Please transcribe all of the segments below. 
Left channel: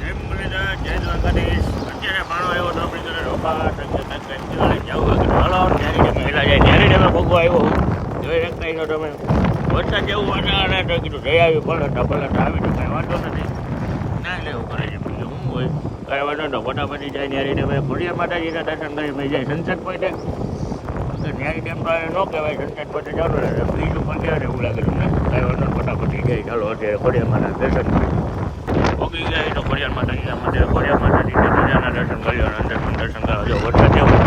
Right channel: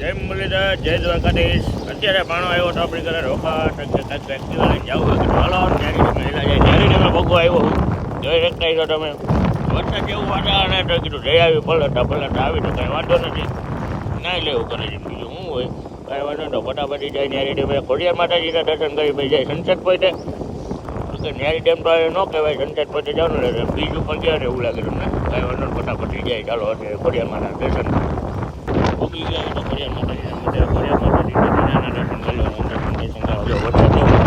જય મુરલીધર, જય દ્વારકાધીશ. અત્યારે ભાણો આવ્યો તો આપણી ઘરે રોકા એક્ટિવા લઈ જાઉં. હાલો ત્યારે મહિલા જાય ત્યારે તમે ભોગવા આવ્યો હું જોઈ શકતા છો તમે. વરસાદ જેવું વાતાવરણ તો કીધું જઈ આવી પલટા આવી તો કાંઈ વાંધો નથી. ના લેવું કરી છે બીજું શું હોય કાંઈ વાંધો તો ફટાફટી જાય ન્યારી ડેમે ખોડિયાર માતાજીના દર્શન કરી ભાઈ જાય સનસેટ પોઈન્ટે. ન્યારી ડેમ તો ન કહેવાય સનસેટ પોઈન્ટે જાવ ને બ્રિજ ઉપર ગયા ને એવું લાગેલું. ફટાફટી જાય ચાલો અત્યારે ખોડિયાર માતાના દર્શન ઓકી ગયા તો ખોડિયાર માતાજીના મંદિરે ખોડિયાર માતાજીના દર્શન કર્યો અંદર પણ દર્શન કરવા જો વરસાદ જેવું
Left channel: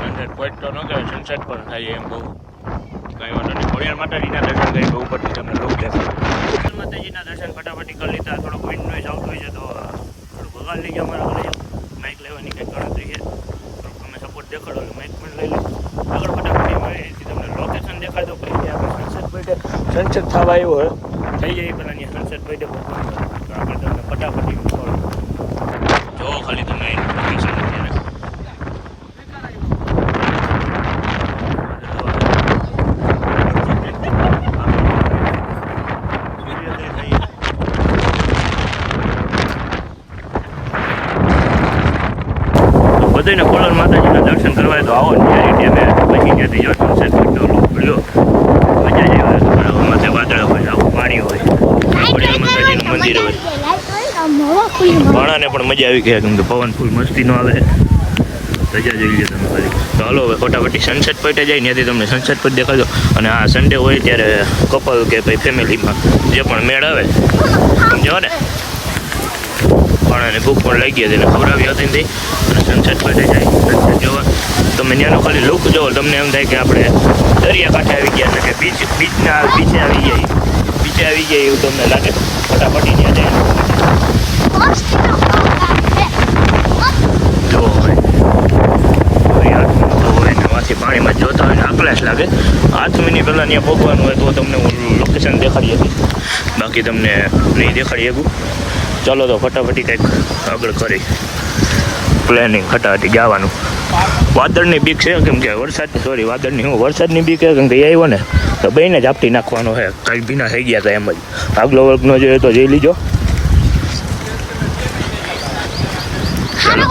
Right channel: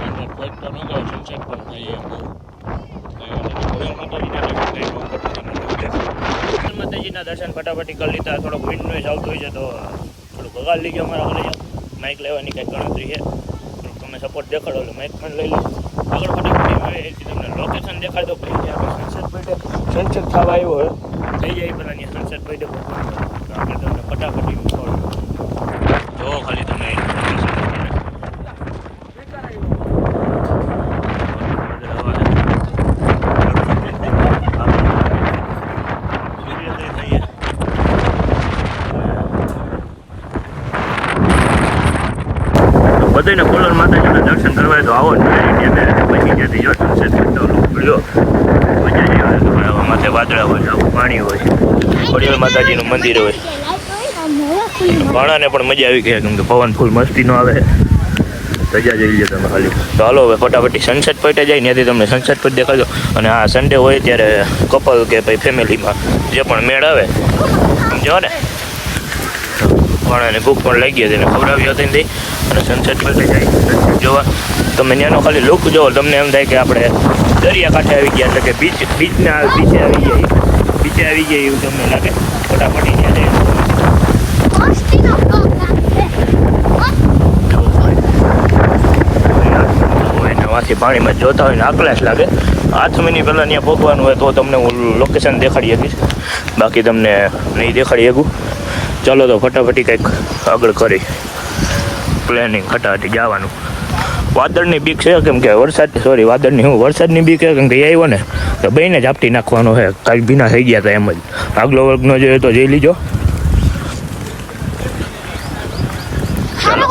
સનસેટ પોઈન્ટ તો ન કહેવાય સનસેટ પણ થાય એમ બહુ કાંઈ વાંધો નહીં. ખોડિયાર માતાજીના દર્શન કરી ઉપરથી તમને ખોડિયાર માતાજીના દર્શન ફટાફટી કરી લીધા. થોડોક વિન્ડ નોઈઝ આવતું હોય છે તો થોડુંક વગાડ લીધો અમારા ઘરે માઇક લેવાની કંઈક ગણતરી છે. થોડુંક તમે સપોર્ટ દેખાડો એટલે માઇક પણ લઈ લો. આગળ ફટાફટી તમને લોકેશન દેખાડો પ્લીઝ. સનસેટ પોઈન્ટે સનસેટ થવા આવ્યો હોય થઈ જાય પેલા અહીંયા સનસેટ પોઈન્ટે તો આપણે તમને ફટાફટી જો ખાલી તમને બધાને ખોડલ માતાજીના દર્શન કરવા તો આવો ને પછી ત્યાંથી જો સનસેટ લો મજા જ આવે. માથે વાદળા હોય આવું પાણી હોય ખોડિયાર માતાજીનું મંદિર હોય. ભાણાને પણ મજા આવી ગયા કેમ કે પવન ફૂલ મસ્તીનો આવે. રજા જોઈ લો તમે ખાલી. તો હાલો હવે ફટાફટી સનસેટ પોઈન્ટે જાય ત્યાંથી તમને સનસેટ પોઈન્ટ દેખાડો. અને આ સન્ડે હોય ત્યારે કપલ કે ભાઈ ફેમિલીમાં જે પણ મેળ આવે સમજો ને ભાણાને ભૂખ પણ લાગી હતી એને ખવડાવી હતી ને અને સનસેટ પોઈન્ટે જાય સનસેટ જોવા. તમે ત્યાંનો ખાલી લુક જોવો તમને એમ થાય કે આપણે દરિયાકાંઠે આવી ગયા એટલે કે બીચે આવી ગયા એવું તમને લાગે. ફટાફટી ત્યાંથી પાણીમાં જોતા હોય આકલાશ લાગે. 8 મિનિટ પહેલાં ત્યાં પહોંચવાનું હોય તો તમને હું લોકેશન દેખાડી આપીશ, બાકી તમને નહીં દેખાડી શકું. ચાલો તો ફટાફટી કંઈક આગળ કરી પ્લાનિંગ ફટાફટી જવાનું. વાદળની બીક છે કેમ કે વરસાદની બીક છે કેમ કે આવ્યો ને તો બેને જ આપટી નાખવાનો છે. કાંઈક ભીના થઈ ગયા હતા એમ જ. આગલો વર્ગ ન જોઈએ તો જઈ લીજો. ચાલો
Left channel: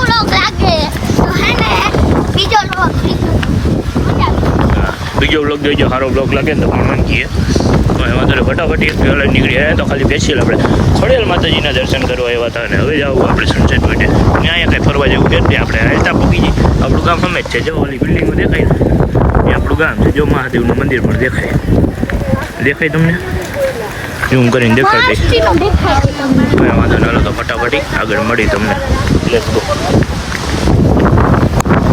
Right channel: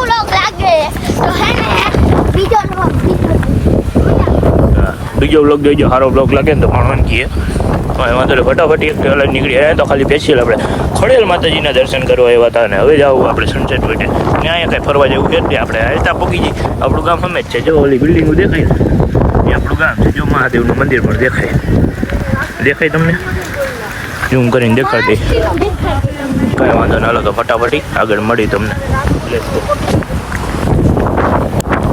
બીજો બ્લોગ જોઈજો. સારો બ્લોગ લાગે ને તો પણ વાંધો ફટાફટી એક અલગ નીકળી આવ્યા તો ખાલી બેસી આપણે ખોડિયાર માતાજીના દર્શન કરવા આવ્યા હતા. અને હવે જાવું આપણે સનસેટ પોઈન્ટે. ત્યાં અહીંયા કંઈ ફરવા જેવું છે આપણે હાલતા પહોંચી ગયું. આપણું ગામ અમે જ છે જો ઓલી બિલ્ડિંગો દેખાય ને એ આપણું ગામ છે. જો મહાદેવનું મંદિર પણ દેખાય તમને ઝૂમ કરીને દેખાડી દઈ. કાંઈ વાંધો ના. હાલો તો ફટાફટી આગળ મળી તમને. Let's go.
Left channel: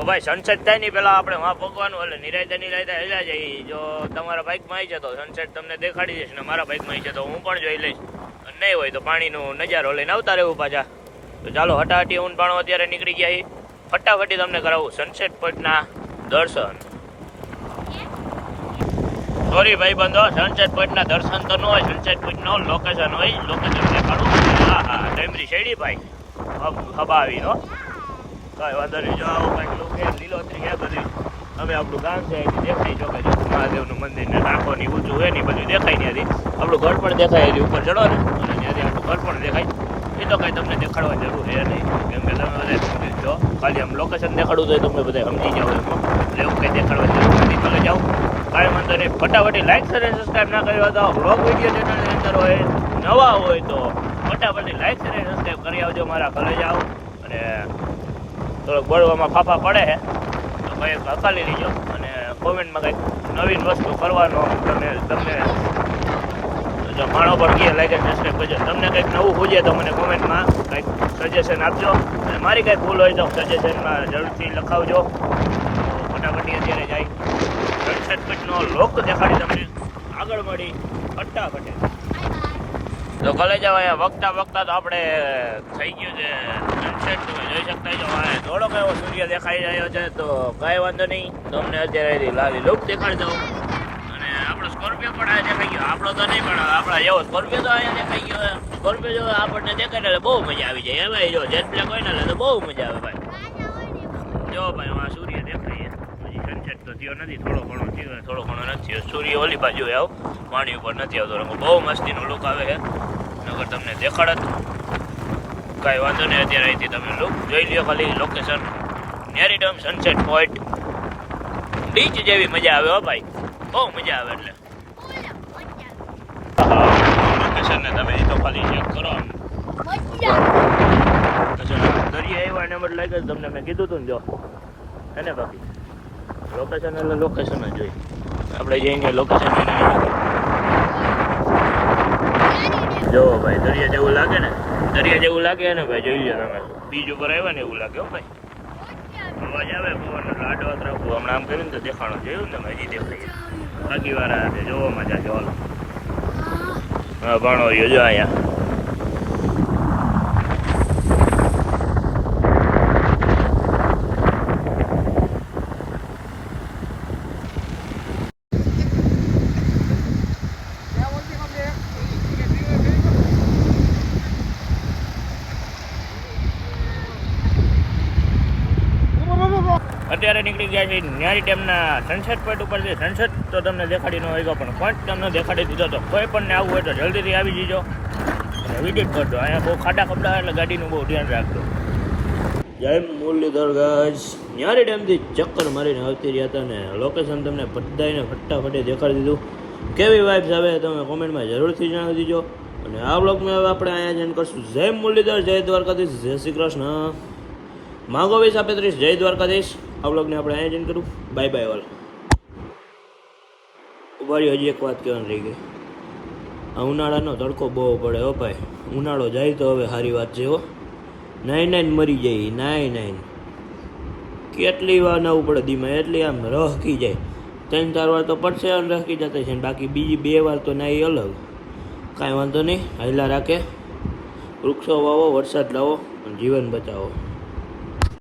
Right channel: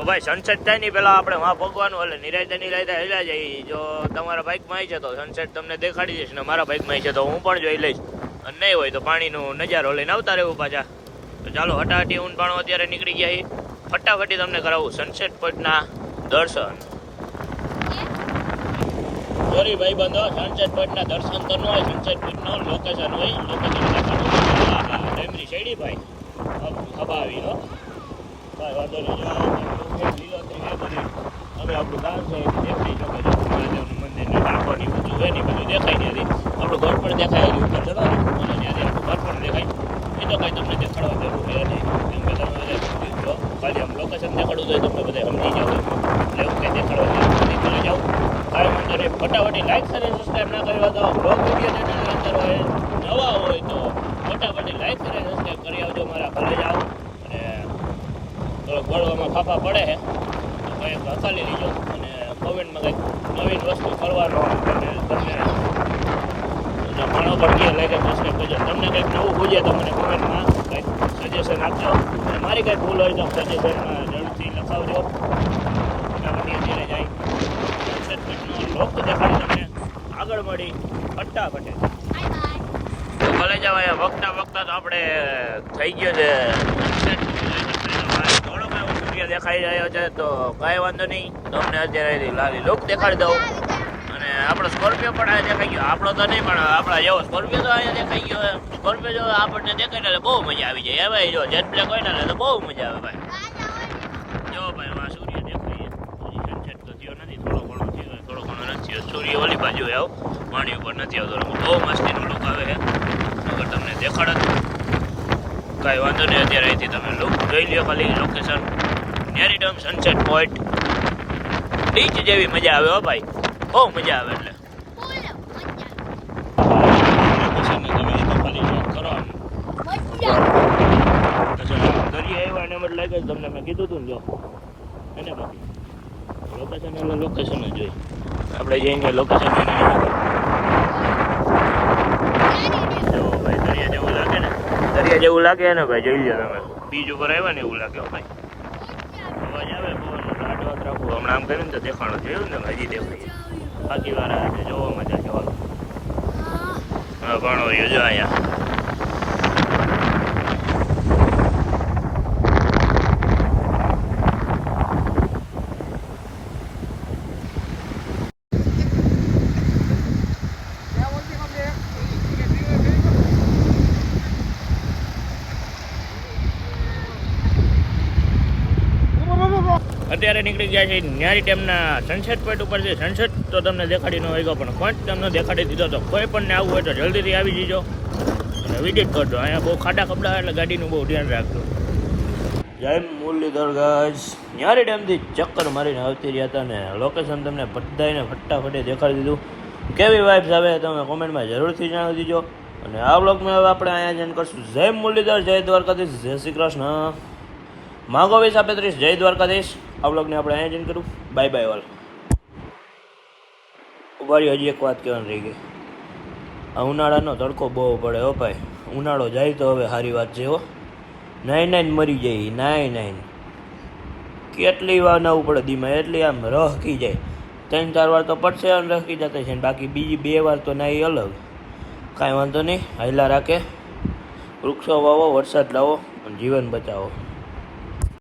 ભાઈ સનસેટ થાય નહીં પેલા આપણે વાં ભોગવાનું એટલે નિરાયતા હેલા જઈએ. જો તમારા બાઇકમાં આવી છે તો સનસેટ તમને દેખાડી દઈશ ને મારા બાઇકમાં આવી છે તો હું પણ જોઈ લઈશ. અને નહીં હોય તો પાણીનો નજારો લઈને આવતા રહેવું પાછા. તો ચાલો હટાહટી ઊન પાણો અત્યારે નીકળી ગયા. ફટાફટી તમને કરાવું સનસેટ પોઈન્ટના દર્શન. સોરી ભાઈ બંધો, સનસેટ પોઈન્ટના દર્શન તો ન હોય, સનસેટ પોઈન્ટનો લોકેશન હોય. લોકેશન દેખાડું. હા ડેમરી શેડી ભાઈ હબા આવી નો કાંઈ વાંધો નહીં. જો આવું કંઈક લીલોતરી છે બધું. અમે આપણું ગામ છે દેખાઈ જો મહાદેવનું મંદિર ને ટાંકોની ઊંચું હોય ને બધું દેખાય ત્યાંથી. આપણું ઘર પણ દેખાય એની ઉપર ચડો ને ત્યાંથી આપણું ઘર પણ દેખાય. એ તો કંઈ તમને દેખાડવા જરૂર છે નહીં કેમ કે તમે બધા જો ખાલી આમ લોકેશન દેખાડવું જોઈએ તમે બધા સમજી જાવ લોકો એટલે એવું કંઈ દેખાડવા જરૂર નહીં. જાઓ કાંઈ વાંધો નહીં. ફટાફટી લાઈક શેર અને સબસ્ક્રાઈબ ના કર્યો તો બ્લોગ વિડીયો ચેનલની અંદર હોય નવા હોય તો ફટાફટી લાઈક શેર અને સબસ્ક્રાઈબ કરી આવજો. મારા ઘરે જાઓ અને થોડોક બોલવામાં ફાફા પડે છે તો કંઈક હકાલી લીજો. અને કોમેન્ટમાં કંઈક નવીન વસ્તુ કરવાનો તમને જો માણો પણ કહે લાઈક અને સબસ્ક્રાઈબ કરજો. તમને કંઈક નવું પૂછે તો મને કોમેન્ટમાં કંઈક સજેશન આપજો. અને મારી કંઈ ભૂલ હોય તો સજેશનમાં જરૂરથી લખાવજો. ફટાફટી અત્યારે જાય સનસેટ પોઈન્ટનો લોક દેખાડી તમને આગળ મળી ફટાફટ. જો ભલે જવાય વખતા તો આપણે થઈ ગયો છે સનસેટ. તમે જોઈ શકતા છો થોડોક એવો સૂર્ય દેખાઈ રહ્યો છે તો કાંઈ વાંધો નહીં. તમને અત્યારે લાવી લુક દેખાડી દઉં. અને આપણો સ્કોર્પિયો પણ આ દેખાઈ ગયો. આપણો તો નહીં પણ આપણા જેવો સ્કોર્પિયો તો અહીંયા દેખાઈ ગયો. સ્કોર્પિયો જો આપણને દેખાય ને બહુ મજા આવી જાય. ભાઈ જો જેટ બ્લેક હોય ને તો બહુ મજા આવે ભાઈ. જો ભાઈ આ સૂર્ય દેખાય સનસેટ તો થયો નથી, થોડો ઘણો નથી. સૂર્ય ઓલી બાજુ આવ પાણી ઉપર નથી આવતો. બહુ મસ્તીનો લુક આવે. આવે છે, નકર તમને દેખાડત. કાંઈ વાંધો નહીં, અત્યારે અહીંથી તમે લુક જોઈ લ્યો ખાલી લોકેશન. નેરીડમ સનસેટ પોઈન્ટ બીચ જેવી મજા આવે હો ભાઈ, બહુ મજા આવે. એટલે લોકેશનને તમે એ તો ખાલી ચેક કરો. દરિયા આવ્યા એને મત લાગે તમને મેં કીધું હતું ને, જો એને બાકી લોકેશન એટલે લોકેશન જ જોઈ આપણે જઈને લોકેશન જો ભાઈ દરિયા જેવું લાગે ને, દરિયા જેવું લાગે ને ભાઈ, જોઈ લો તમે. બીચ ઉપર આવ્યા ને એવું લાગે હો ભાઈ. અવાજ આવે ફોન લાડો રાખવું હમણાં આમ કર્યું ને તો દેખાણો જોયું ને હજી દેખાય. બાકી વાર આવે જોવો મજા જો. હા ઘણો જો અહીંયા અત્યારે નીકળી ગયા છે ન્યારી ડેમના સનસેટ પોઈન્ટ ઉપરથી. સનસેટ તો તમને દેખાડી ન હોય પણ પોઈન્ટ તમને દેખાડી દીધો. તો કોઈ પણ ને આવવું હોય તો જલ્દીથી આવી જજો અને વિઝિટ કરજો. અહીંયા બહુ ખાડા કપડા એટલે ગાડીનું બહુ ધ્યાન રાખજો. જય મુરલીધર ગાઈસ, ન્યારી ડેમથી ચક્કર મારીને આવતી રહ્યા હતા ને લોકેશન તમને બધાને ફટાફટે દેખાડી દીધું. કેવી વાઇબ્સ આવે તમે કોમેન્ટમાં જરૂરથી જણાવી દીજો. અને આ વ્લોગમાં હવે આપણે અહીંયા જઈને કરશું. જય મુરલીધર, જય દ્વારકાધીશ, જય શ્રી કૃષ્ણ. માગો 2035, જય દ્વારકાધીશ. આ વ્લોગને આપણે અહીંયા જઈને કરું. Bye bye all. ઉભારી હજી એક વાત કહેવાની રહી ગઈ. આ ઉનાળાનો તડકો બહુ પડે હો ભાઈ. ઉનાળો જાય તો હવે સારી વાત છે હો. નાઈન મરી જાય, નાઈન કેટલી વાર નાવું પડે દીમાં, એટલી આમ રહકી જાય. 3-4 વાર તો પડશે અને રહકી જતા છે, બાકી બીજી 2 વાર તો નાઈ અલગ. કાંઈ વાંધો નહીં, હાયલા રાખે. વૃક્ષો વાવો, વરસાદ લાવો અને જીવન બચાવો.